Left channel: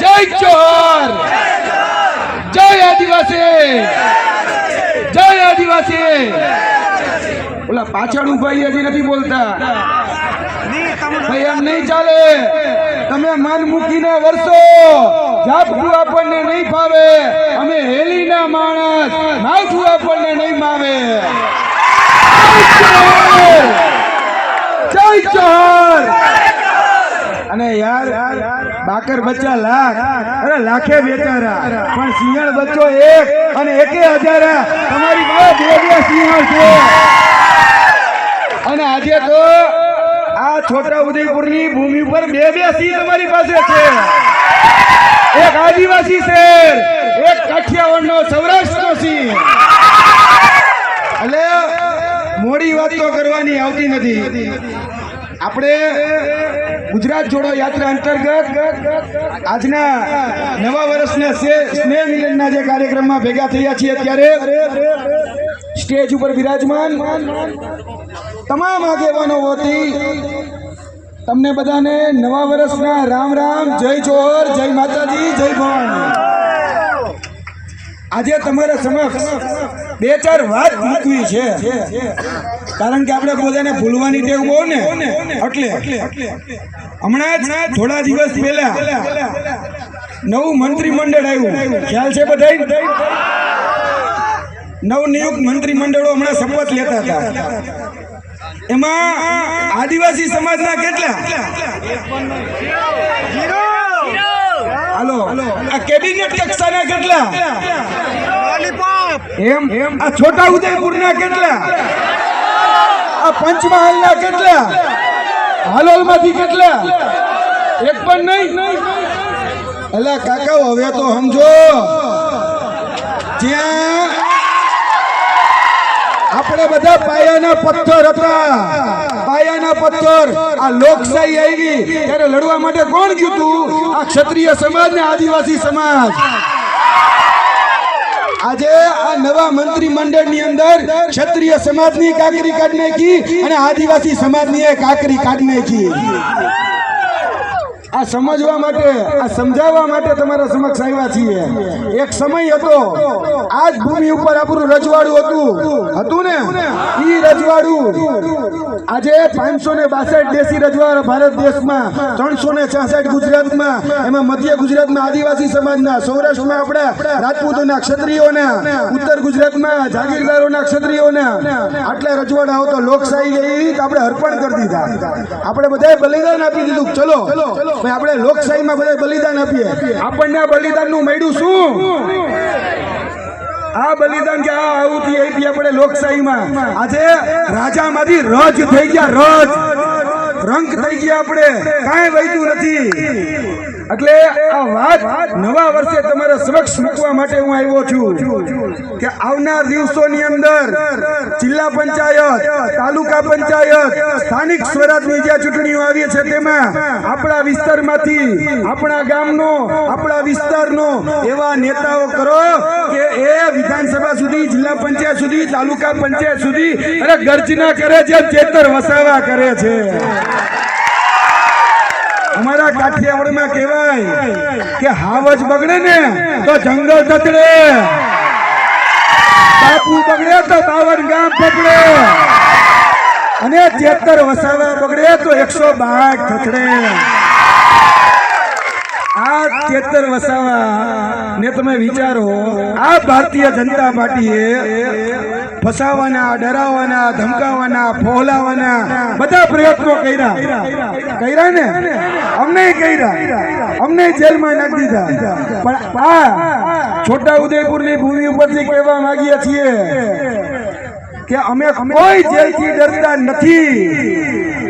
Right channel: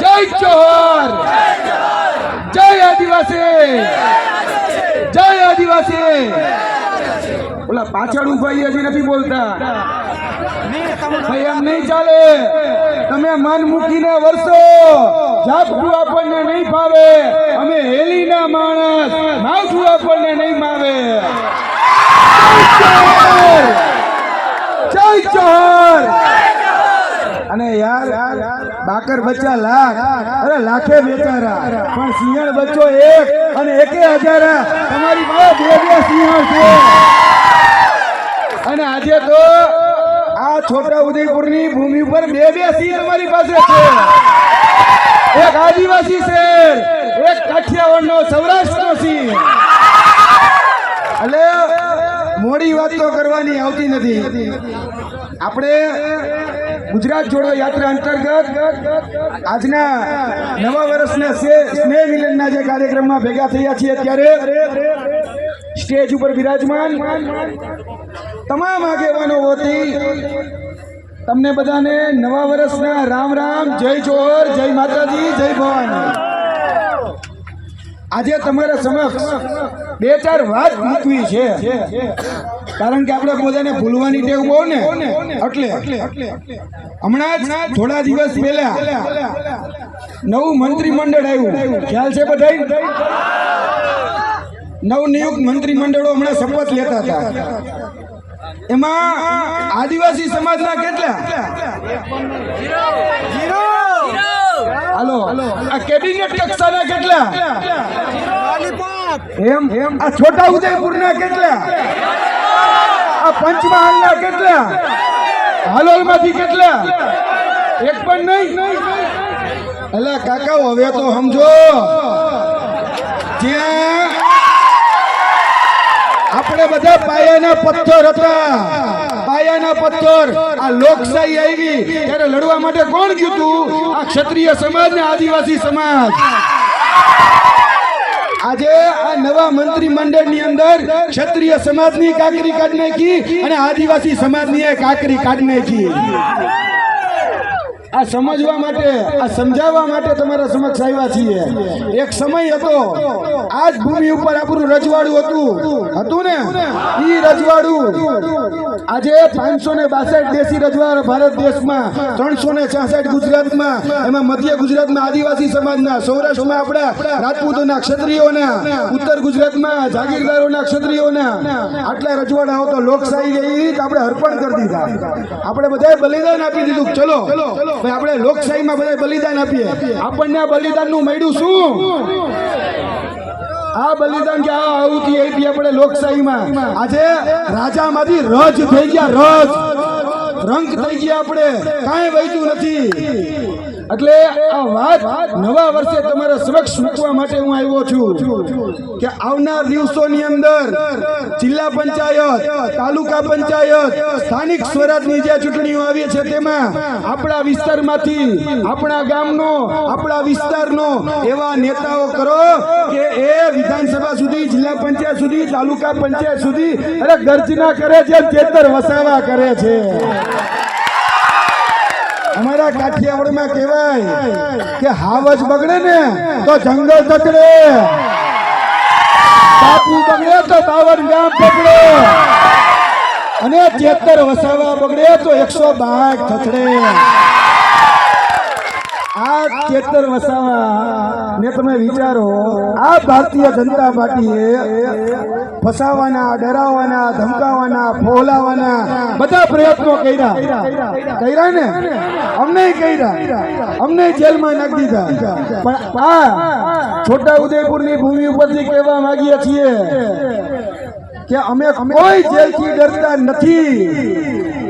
જય જોહર. જય આદિવાસી. જય આદિવાસી. ઓલા પાછળ ઊભા હજી નથી બોલતા. એમ નહીં ચાલે. તમે મન મૂકીને વરસો. ઝાપટું આપણને નહીં ફાવે. અમે હેલીના માણસ. માવઠું આપણને નહીં માવે. જય જોહર! જય જોહર! અને યાર બાકર બચ્ચા લાખ. અરે, લાખે બેચારા પણ સિંહણ બચ્ચો એક અને એકે હજાર. તમારી પાસે બે બે સિંહણ છે. અને આજે તો આ છોટા ઉદયપુરની ભૂમિ પર બે બે સિંહ તમારી પાસે છે. એક આદિવાસી શેર એક કાઠિયાવાડનો સૌરાષ્ટ્રનો સિંહ. એટલે મોડી વાત તો કરવાની આવતી નથી. આપણે ગુજરાત જોડો યાત્રા અંતર્ગત આજના નવા વર્ષના સ્નેહ મિલનના જે કાર્યક્રમમાં ભેગા થયા છીએ અત્યારે, સ્ટેજ ઉપર બિરાજમાન તમામ આગેવાનો વતી તમને બધાને નવા વર્ષના રામ રામ, જય જોહર, જય માતાજી, જય ભવાની. આજે તમારા સમક્ષ બે ચાર વાત મૂકવી છે. કારણ કે આપણે બધાને ભૂલવાની ટેવ બહુ ને? એટલે. હમણાં જ થોડા દિવસ પહેલા નવું મંત્રીમંડળ આવ્યું. ખ્યાલ છે બધાય? નવનિયુક્ત મંત્રીમંડળો હમણાં શપથ લેતા હતા. એમાં આદિવાસી સમાજના કેટલા? હાલો. આ કેબિનેટ કક્ષાના કેટલા? એમ એમ? આ છોટા ઉદયપુરના કેટલા? આ પંચમહાલના કેટલા? હાલોલમાંથી કેટલા? એક પણ નહીં? અલા કાકા હવે તો સમજો. જ્યાં આપણે બધા પાયાના પથ્થર હતા. પાયાના પથ્થર. આ લોકશાહી આવી. ત્યારે લડવા માટે કોણ ગયું તું? આ ક્ષત્રિય સમાજ ને આદિવાસી સમાજ. આજે આ નવા મંત્રી મંડળની અંદર ક્ષત્રિય સમાજની કાકરી કાઢી નાખી અને આદિવાસી સમાજની કાકરી કાઢી નાખી. આ સમજવા માટે, આ સમજાવવા માટે તમારા સમક્ષ આવ્યા છીએ. એક સમય હતો આ જ ભૂમિ ઉપર આપણું રજવાડું હતું. હતું ને? ઈ રજવાડું. આજે પાંચસો ને બાસઠ દેશી રજવાડ ભારત દેશમાં, ત્રણસો ને છાસઠ ગુજરાતમાં, એમાં મધ્ય ગુજરાતમાં આદિવાસી સમાજના, સૌરાષ્ટ્રમાં આપણા રાજપૂતોના ક્ષત્રિયોના, ઉત્તર ગુજરાતમાં જાગીરદારોના ક્ષત્રિયોના. આટલા રજવાડાઓ તો લોકશાહી તો આપણે અર્પણ કરી દીધા. આપણે બધાએ બલિદાન આપી દીધું. ચલો. ભાઈ, આપણે લોકશાહીમાં બધા બલિદાન આપીએ. આપણને આ બલિદાનનું મળ્યું શું? આ બલિદાન કે આ આવું આપી આપણે લોકશાહીમાં. આજે રાજામાંથી રજ થઈ ગયા, રજ. રંક થઈ ગયા આપણે. કાંઈ વહેતું નથી. એટલે આ વાત નવા વર્ષે તમારા સમક્ષ મૂકવા માટે હું આવ્યો છું કે આવનાર દિવસોની અંદર જિલ્લા પંચાયત, તાલુકા પંચાયત, સ્થાનિક સ્વરાજની જે ચૂંટણીઓ આવી છે તેમાં આપણા વિસ્તારમાંથી, આપણા ગામનો, આપણા વિસ્તારનો એવા નેતાઓ કરો કે એ વિધાનસભા સુધી, જિલ્લા પંચાયત સુધી, તાલુકા પંચાયત સુધી અરે ગર્જના કરે છે, ચેતર વસાવા કરે છે. અમારા કાઠિયાવાડમાં કહેવાય કે હાવજ બગડે ને તો જંગલ તતડે બાપુ બગડે તો બાવન ગામ પકડે. અને ચેતર વસાવા બગડે તો એકસો બાર થચડે આ ચેતર વસાવા ને તમે વિચારો, આ ભારતીય જનતા પાર્ટીએ ફસાવાના ડરાવવાના ધમકાવાના ફોલાવાના બધા પ્રયત્નો કર્યા. કર્યા ને? અમને કર્યા. અમને જેલમાં નાખી દીધા. પણ આ છોટા ઉદયપુરની ભૂમિ ઉપરથી કહેવા માંગીએ છીએ કે અમે કોઈ જેલથી ડરતા નથી.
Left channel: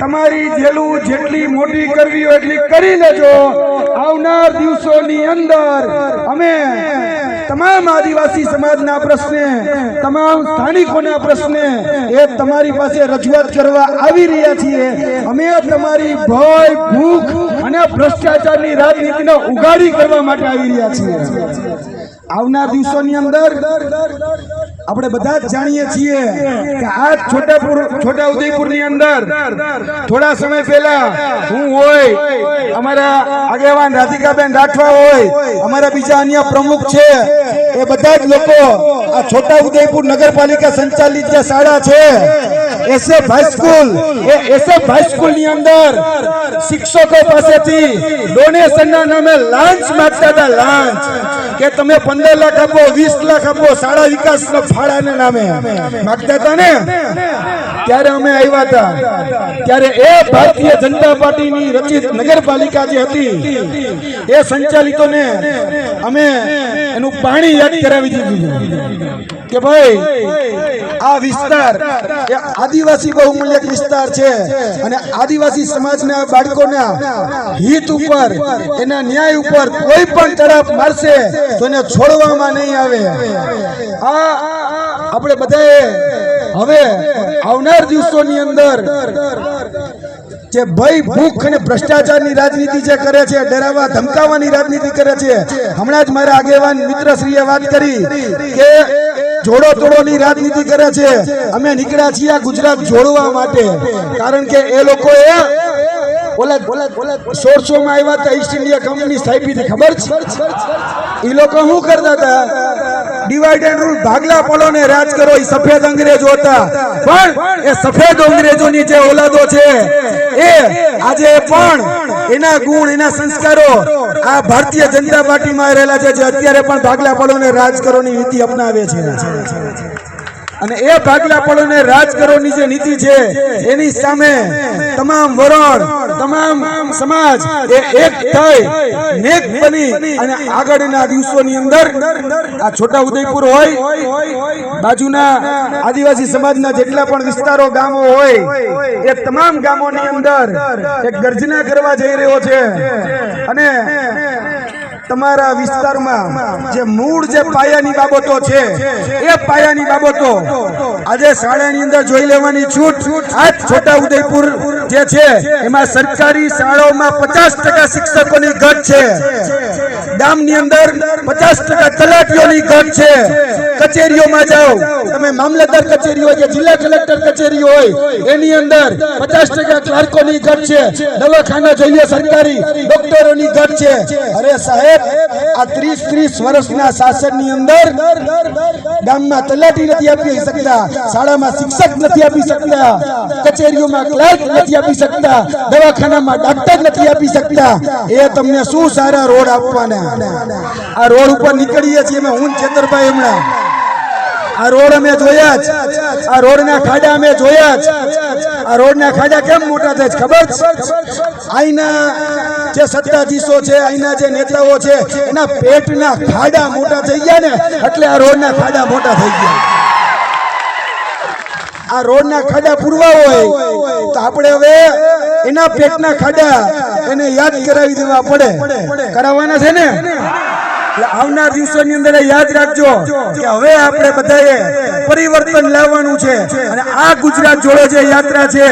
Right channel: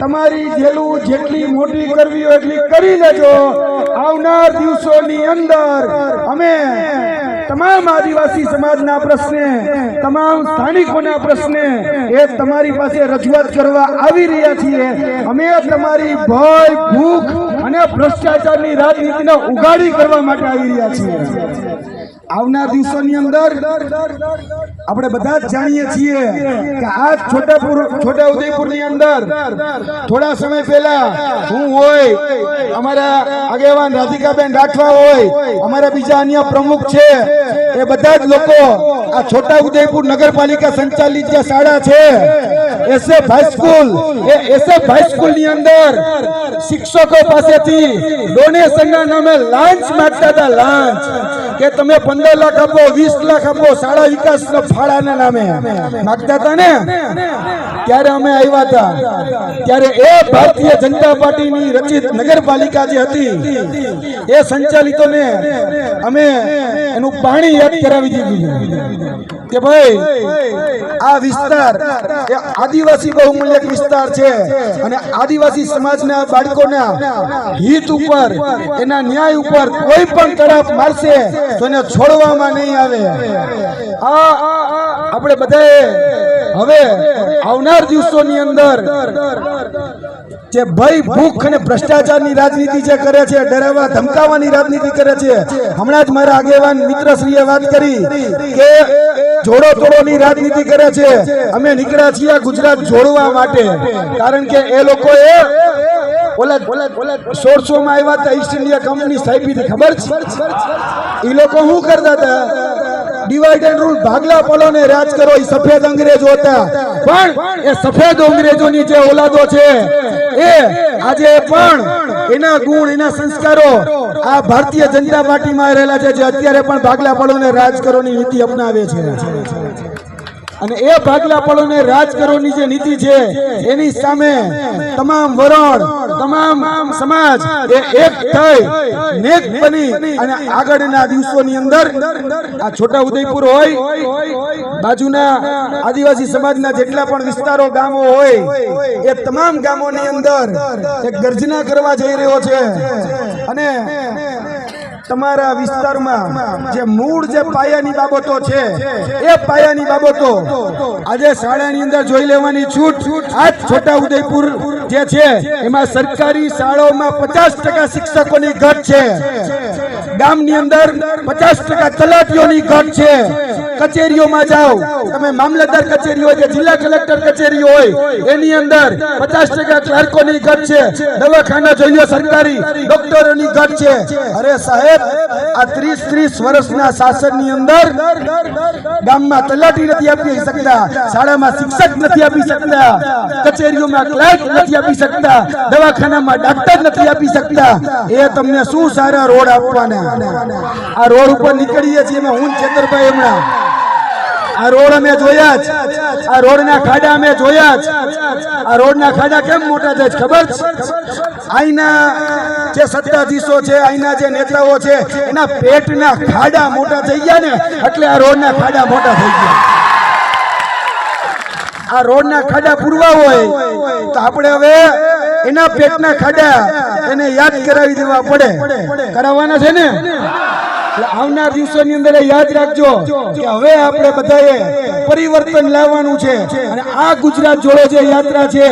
તમારી જેલું જેટલી મોટી કરવી હોય એટલી કરી લેજો. આવનાર દિવસોની અંદર અમે તમામ આદિવાસી સમાજના પ્રશ્ને, તમામ સ્થાનિકોના પ્રશ્ને એ તમારી પાસે રજૂઆત કરવા આવી રહ્યા છીએ. અમે તમારી ભય, ભૂખ અને ભ્રષ્ટાચારની રાજનીતિને ઉગાડી કરવા માટે આવી રહ્યા છીએ. આવનાર દિવસોની અંદર આપણે બધા જ જાણીએ છીએ કે આ છોટાપુર છોટા ઉદયપુરની અંદર થોડા સમય પહેલા હું હોય, અમારા આગેવાન રાધિકાબેન રાઠવા હોય, અમારા બીજા અન્ય પ્રમુખ છે, એ બધા જ લોકો આ છોટા ઉદયપુર નગરપાલિકા સંચાલિત જે શાળા છે, એસએફ હાઈસ્કૂલ એ એસએફ હાઈસ્કૂલની અંદર શિક્ષકો પાસેથી ડોનેશન ના નામે લાંચ માંગતા હતા, લાંચ. કે તમે પંદર લાખ આપો, વીસ લાખ આપો, શાળા વિકાસ ફાળાના નામે. માગતા હતા ને? ત્યારે અમે આવ્યા હતા. ત્યારે એ ભારતીય જનતા પાર્ટીની રચિત નગરપાલિકા જે હતી, એ સંચાલિતોને અમે એનું પાણી યાદ કરાવી દીધું. કે ભાઈ આ વિસ્તાર એ આદિવાસી બહુમૂલ્યક વિસ્તાર છે અને આદિવાસી સમાજના બાળકોના હિત ઉપર એના ન્યાય ઉપર કોઈ પણ તરફ મારશે તો એને છોડવામાં નહીં આવે. આ આપણે બધાએ હવે આવનાર દિવસોની અંદર જે ભય ભૂખ અને ભ્રષ્ટાચારની રાજનીતિ જે કરે છે ડરાવવા ધમકાવવાની રાજનીતિ કરે છે હમણાં જ મારા આગેવાન મિત્રશ્રીએ વાત કરી કે જોડો તોડોની રાજનીતિ કરે છે. અમે નીકળ્યા છીએ ગુજરાત જોડવા માટે. કારણ કે એ લોકોએ ઓલા સોળસો માં આવ્યા હતા ઈસ્ટ ઇન્ડિયા કંપની સ્થાપી હતી ખબર છે? એ લોકો શું કરતા હતા? ડિવાઈડ એન્ડ રૂલ ભાગલા ને રાજ કરો એ સફેદ અંગ્રેજો હતા. પણ એ સફેદ અંગ્રેજોની જે ઓલાદો છે, એ આજે પણ એના ગુણ, એના સંસ્કારો આ ભારતીય જનતા પાર્ટીમાં રહેલા છે, જે અત્યારે પણ ભાગલા પડો ને રાજ કરોની નીતિ અપનાવે છે. અને એ ભાગલા પડોને રાજ કરોની જે નીતિ છે, એની સામે તમામ વરણ, તમામ સમાજ એ એક થઈ, નેક બની અને આગળના દિવસોની અંદર આ છોટા ઉદયપુર હોય, બાજુના આદિવાસી સમાજના જેટલા પણ વિસ્તારો, ગામો હોય, એ તમામ ગામોની અંદર એક ગર્જના કરવા જઈ રહ્યો છે. અને તમારા વિસ્તારમાં જે મૂળ જે પાયાની બાબતો છે, એ પાયાની બાબતો આજે શાળાની અંદર જોઈ લેવાની છૂટ. આજ છોટા ઉદયપુર જે છે, એમાં સરકારી શાળાઓમાં પચાસ ટકા શિક્ષકોની ઘટ છે. ગામની અંદર પચાસ ટકા તલાટીઓની ઘટ છે. કચેરીઓમાં જાઓ. તમે મામલતદાર કચેરી હોય કે જિલ્લા કલેક્ટર કચેરી હોય, એની અંદર પચાસ ટકા ક્લાર્કોની ઘટ છે. દવાખાના જોઈએ સરકારી, ડોક્ટરોની ઘટ છે. અરે સાહેબ, આ ત્રીસ ત્રીસ વર્ષના શાસનની અંદર ગામમાં તલાટી નથી આપી શકતા, શાળામાં શિક્ષક નથી આપી શકતા, કચેરીઓમાં ક્લાર્ક નથી આપી શકતા, દવાખાનામાં ડાક્ટર નથી આપી શકતા. એ તમને શું સારા રોડ આપવાના? આ રોડ ઉપર નીકળીએ છીએ અમે, હું ચેતરભાઈ હમણાં. આ રોડ અમે જોયા જ. આ રોડના ખાડા અમે જોયા જ. આ રોડના ખાડા કેમ મોટા થાય છે ખબર અહીંના જે સત્તાધીશો છે અહીંના જે નેતાઓ છે, એના પેટના ખાડા મોટા થઈ ગયા ને, એટલે આ રોડના ખાડા મોટા થઈ ગયા. આ રોડના ખાડા પૂરવા હોય, તો આપણે હવે એના પેટના ખાડા એને યાદ કરાવી દેવા પડે. કરાવવાના છે ને? આવનાર દિવસોની અંદર યાદ રાખજો કે હવે આપણે બધાએ પરિવર્તન લાવવાનું છે. અને આ ગુજરાત જોડો જે યાત્રા છે,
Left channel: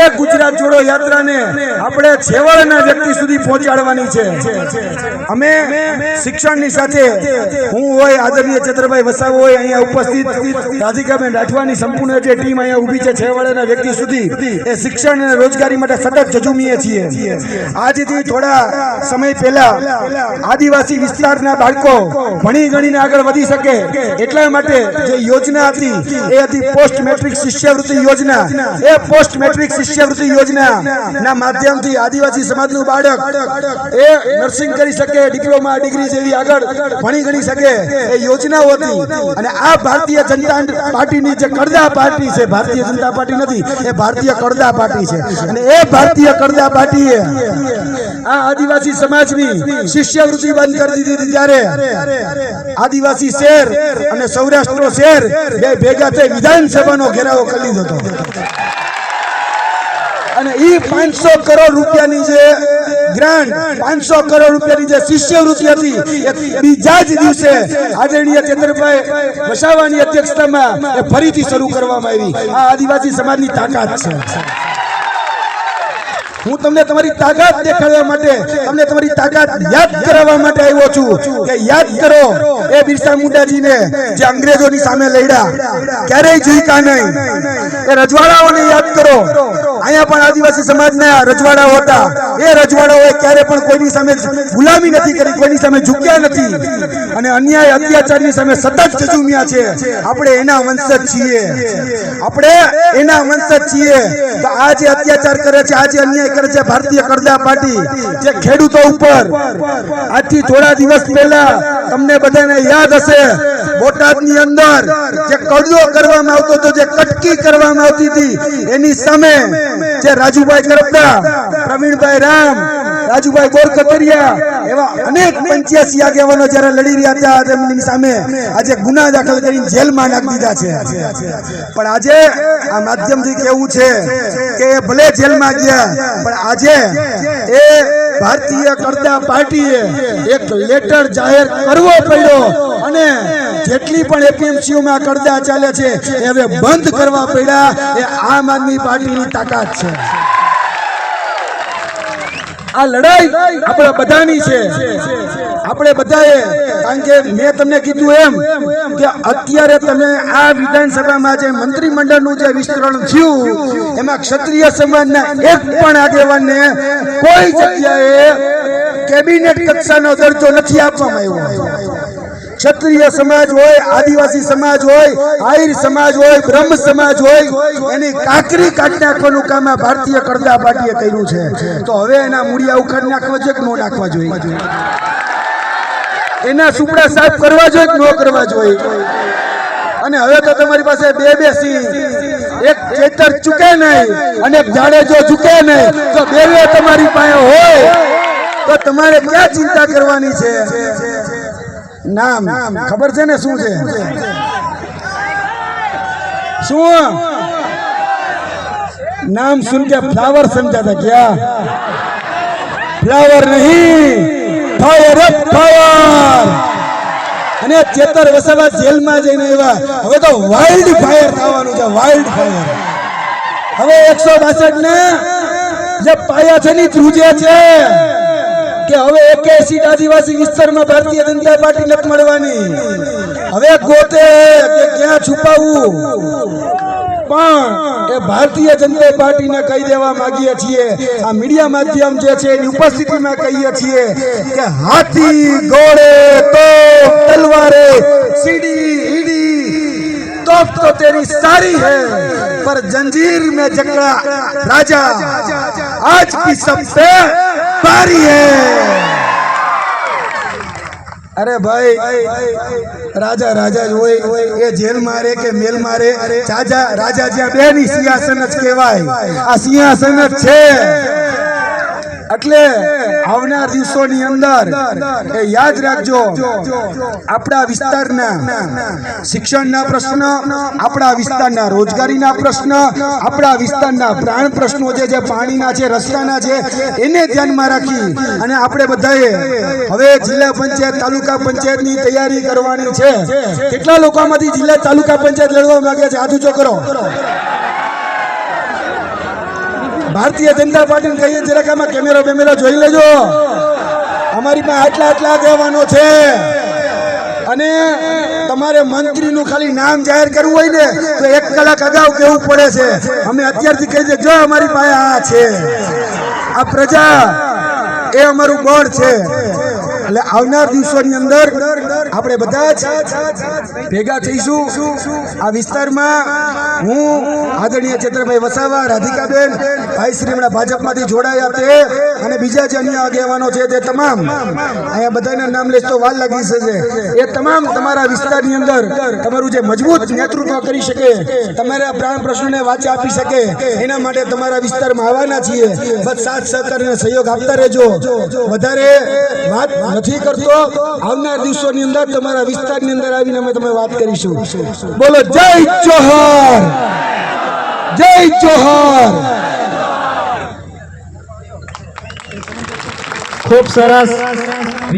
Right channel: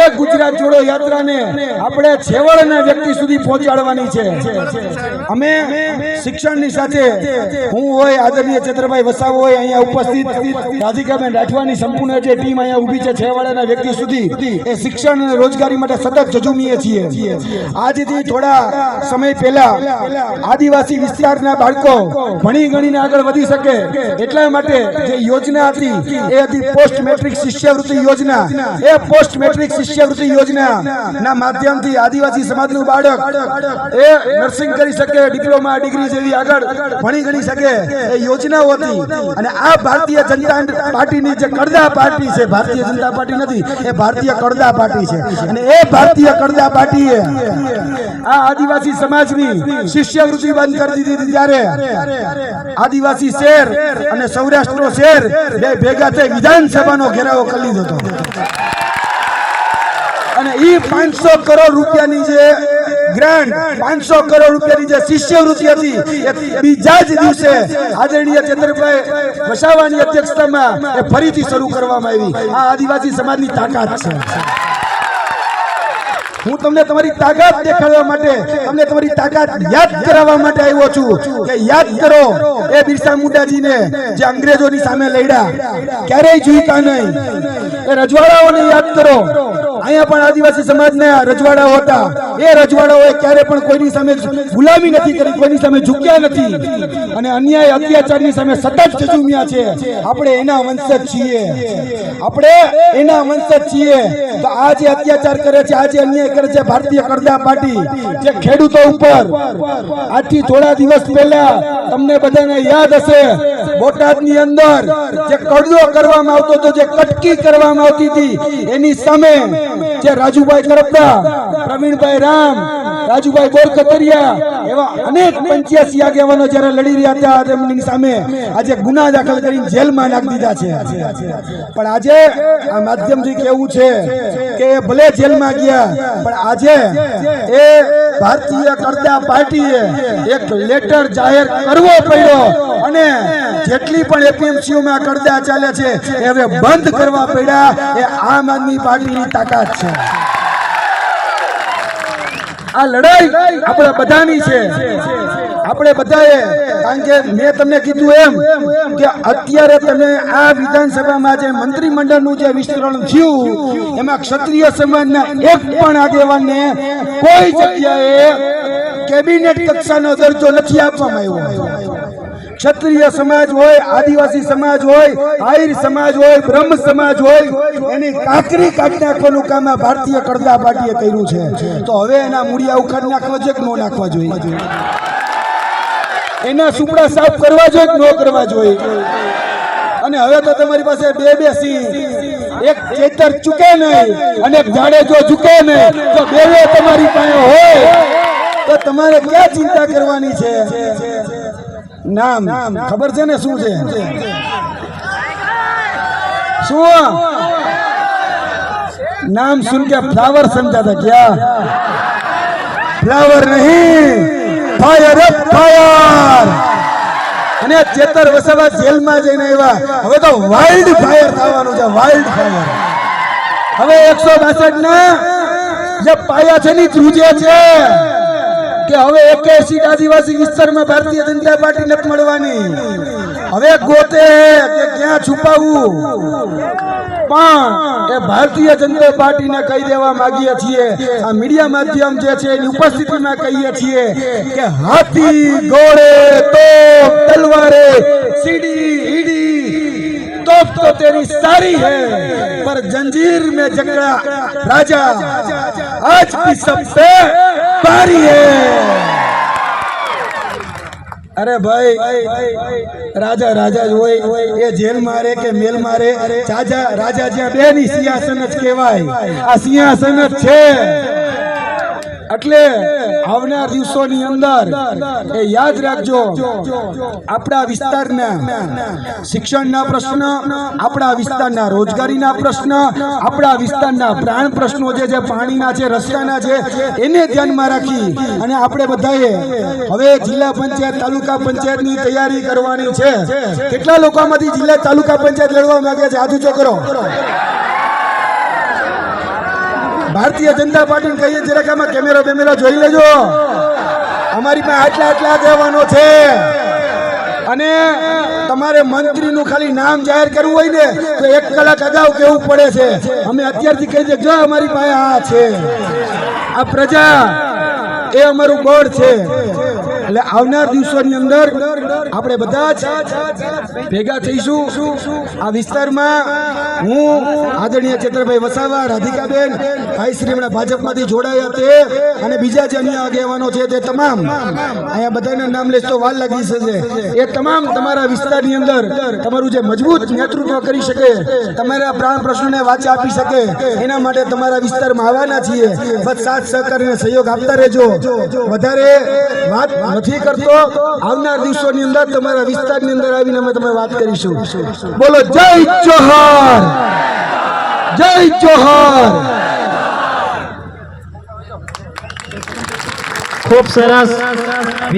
એ ગુજરાત જોડો યાત્રાને આપણે છેવાડાના વ્યક્તિ સુધી પહોંચાડવાની છે. અમે શિક્ષણની સાથે હું હોય, આદરણીય ચંદ્રભાઈ વસાવ હોય અહીંયા ઉપસ્થિત, રાધિકાબેન રાઠવાની સંપૂર્ણ જે ટીમ અહીંયા ઊભી છે છેવાડાના વ્યક્તિ સુધી, એ શિક્ષણ અને રોજગારી માટે સતત જજુમીએ છીએ. આજથી થોડા સમય પહેલા આદિવાસી વિસ્તારના બાળકો ભણી ગણીને આગળ વધી શકે. એટલા માટે જે યોજના હતી, એ હતી પોસ્ટ મેટ્રિક શિષ્યવૃત્તિ યોજના એ પોસ્ટ મેટ્રિક શિષ્યવૃત્તિ યોજના ના માધ્યમથી આદિવાસી સમાજનું બાળક, એ નર્સિંગ કરી શકે ડિપ્લોમા ડિગ્રી જેવી આગળ ભણી ગણી શકે. એ યોજનાઓ હતી અને આ ભારતીય જનતા પાર્ટીની જે કરદા પાર્ટી છે, ભારતીય જનતા પાર્ટી નથી, એ ભારતીય કરદા પાર્ટી છે. અને એ ભારતીય કરદા પાર્ટીએ આ આદિવાસી સમાજની શિષ્યવૃત્તિ બંધ કરી દીધી ત્યારે આદિવાસી શેર અને સૌરાષ્ટ્રનો શેર બે ભેગા થઈ વિધાનસભાનો ઘેરાવો કરી લીધો હતો. અને ઈ પાંચસો કરોડ રૂપિયાની જે ગ્રાન્ટ પાંચસો કરોડ રૂપિયાની જે શિષ્યવૃત્તિ હતી, એ બીજા જ દિવસે આદરણીય ચંદ્રભાઈ વસાવાની અધ્યક્ષતામાં એ ફરીથી શરૂ કરવામાં આવી. આ આદિવાસી સમાજની તાકાત છે. હું તમને તમારી તાકાત દેખાડવા માટે, તમને તમારી તાકાત યાદ કરાવવા માટે આવ્યો છું કે યાદ કરો, એ બિરસા મુંડાજીને જે અંગ્રેજોની સામે લડ્યા, ક્યારેય ઝૂક્યા નહીં? એ રજવાડાઓને યાદ કરો. અહીંયા પણ આદિવાસી સમાજના રજવાડાઓ હતા. એ રજવાડાઓએ ક્યારે પણ કોઈની સામે ગુલામી નથી કરી, કોઈની સામે ઝૂક્યા નથી. અને અન્યાય, અત્યાચારની સામે સતત જજુમ્યા છે. આપણે એના વંશજ છીએ. આપણે એના વંશજ છીએ તો આ જે અત્યાચાર કરે છે, આ જે અન્યાય કરે છે, ભારતીય કરદા પાર્ટી, જે ખેડૂતો ઉપર. આજથી થોડા દિવસ પહેલા તમને બધાને યાદ હશે બોટાદની અંદર જે કડિયો કરવામાં આવતો હતો, જે કટકી કરવામાં આવતી હતી, એની સામે જે રાજુભાઈ કરપડા, પ્રવીણભાઈ રામ, રાજુભાઈ બોરકતરિયા એવા અનેક પંચ્યાસી આગેવાનો જ્યારે લડી રહ્યા હતા, તેમની સામે આજે ગુના દાખલ કરીને જેલમાં નાખી દીધા છે. પણ આજે આ માધ્યમથી કેવું છે કે ભલે જેલમાં ગયા, પણ આજે એ ભારતીય કરતા પાર્ટીએ એક લેટર જાહેર કરવો પડ્યો અને જેટલી પણ એપીએમસીઓમાં કરતા ચાલે છે, એ હવે બંધ કરવા પડ્યા. એ આમ આદમી પાર્ટીની તાકાત છે. આ લડાઈ આપણા બધાની છે. આપણે બધાએ, કારણ કે મેં તમને કીધું એમ કે અત્યારે તમે આ વિધાનસભામાં જે મંત્રીમંડળનું જે વિસ્તરણ થયું, એમાં ક્ષત્રિય સમાજના એક પણ આગેવાનને કોઈ જગ્યાએ કેબિનેટ કક્ષાનો દરજ્જો નથી આપવામાં આવ્યો. ક્ષત્રિય સમાજ હોય, આદિવાસી સમાજ હોય, આહિર સમાજ હોય, બ્રહ્મ સમાજ હોય, એની કાકરી કાઢી નાખવાનું કામ આ ભારતીય કરદા પાર્ટીએ કર્યું છે. તો હવે એના મૂળિયા ઉખાડી નાખવા છે કે ન નાખવા જોઈએ? એના સુપડા સાફ કરવા જોઈએ ન કરવા જોઈએ? અને હવે તો તમારી પાસે બે બે સિંહ એક ચેતર ચૂકે નહીં અને જાડે જો ચૂકે નહીં. તો બે તમારી પાસે હોય, તો તમારે ક્યાં ચિંતા કરવાની છે? નામ, ખબર છે ને શું છે? શું? નામ સુન કે ફ્લાવર સમજાતા ક્યાં ફ્લાવર નહીં. ફાયર ફાયર અને ચેતર વસાવા જેલમાં જઈને આવ્યા. હવે તો વાઇલ્ડ ફાયર થવાનું છે વાઇલ્ડ ફાયર હવે એકસો બાસઠ ના જે પાયા છે ની ધ્રુજે છે. કે હવે એકે સીટ આદિવાસી વિસ્તારમાં ભારતીય જનતા લખ મળવાની. હવે ગોતે કે ક્યાં છુપાવવું પણ એ ભારતીય જનતા પાર્ટીને કહી દેવા માંગીએ છીએ આ મીડિયા માધ્યમ જે છે એની ઉપસ્થિતિમાં કહીએ છીએ કે હાથી ઘોડે તો તલવારે સીડી ઈડી तोप तो तेरी सारी है पर जंजीर में जकड़ा राजा आज भी सबसे बारी है અરે ભાઈ, રાજા રાજા જ હોય. એ જેલ મારે કે મેલ મારે? રાજા રાજા જ્યાં બે ની સિંહાસન જ કહેવાય. આ સિંહાસન જ છે. એટલે આવનાર દિવસોની અંદર એ યાદ રાખજો, આપણા વિસ્તારના શિક્ષણના પ્રશ્ન, આપણા વિસ્તારના રોજગારીના પ્રશ્ન, આપણા વિસ્તારના પ્રાણ પ્રશ્નો જે જે પાણીના છે, રસ્તાના છે, એને ધ્યાનમાં રાખી અને આપણે બધાએ હવે જિલ્લા પંચાયત, તાલુકા પંચાયતની તૈયારી કરવાની છે. કેટલા લોકોમાંથી જિલ્લા તાલુકા પંચાયત લડવા માંગે છે? હાથ ઊંચો કરો. ભારતીય જનતા પાર્ટીને કહીએ જરાક આમાં કેમેરો બેમેરો જોઈ લેજો. અમારી પાસે આટલા આટલા કહેવાનો છે. અને તમારે મંત્રીનું ખાલી નામ જાહેર કરવું હોય ને, તો એક કલાક અગાઉ કહેવું પડે છે. અમે અત્યારથી કહી દઈએ, જો અમારી પાસે આ છે. આ પ્રજા, એ અમારું બળ છે. એટલે આવનાર દિવસોની અંદર આપણે બધા જ ભેગા થઈશું આ વિસ્તારમાં. હું આદરણીય ચેતરભાઈ વસાવા, રાધિકાબેન, ભાઈ શ્રી હમણાં ભાજપમાંથી જોડાયા તે અને બીજા જે અન્ય આગેવાનો છે તે તમામ. અહીંયા બધાના નામ લઈશ તો વાર લાગી છે એ તમામ તમારા વિસ્તારની અંદર તમારું જે મજબૂત નેતૃત્વ કરી શકે, તમારા પ્રાણ પ્રશ્નોને વાચા આપી શકે, એના માટે તમારા વિસ્તારમાં આવવાના છીએ. બસ સાથ સહકાર અને સહયોગ આપતા રહેજો. વધારે વાત નથી કરતો. આવનાર દિવસોની અંદર તમારા વિસ્તારની અંદર આવીને અમે તમે વાત કરીશું. બોલો, જય ચૌહાણ! જય ચૌહાણ! ખૂબ સરસ.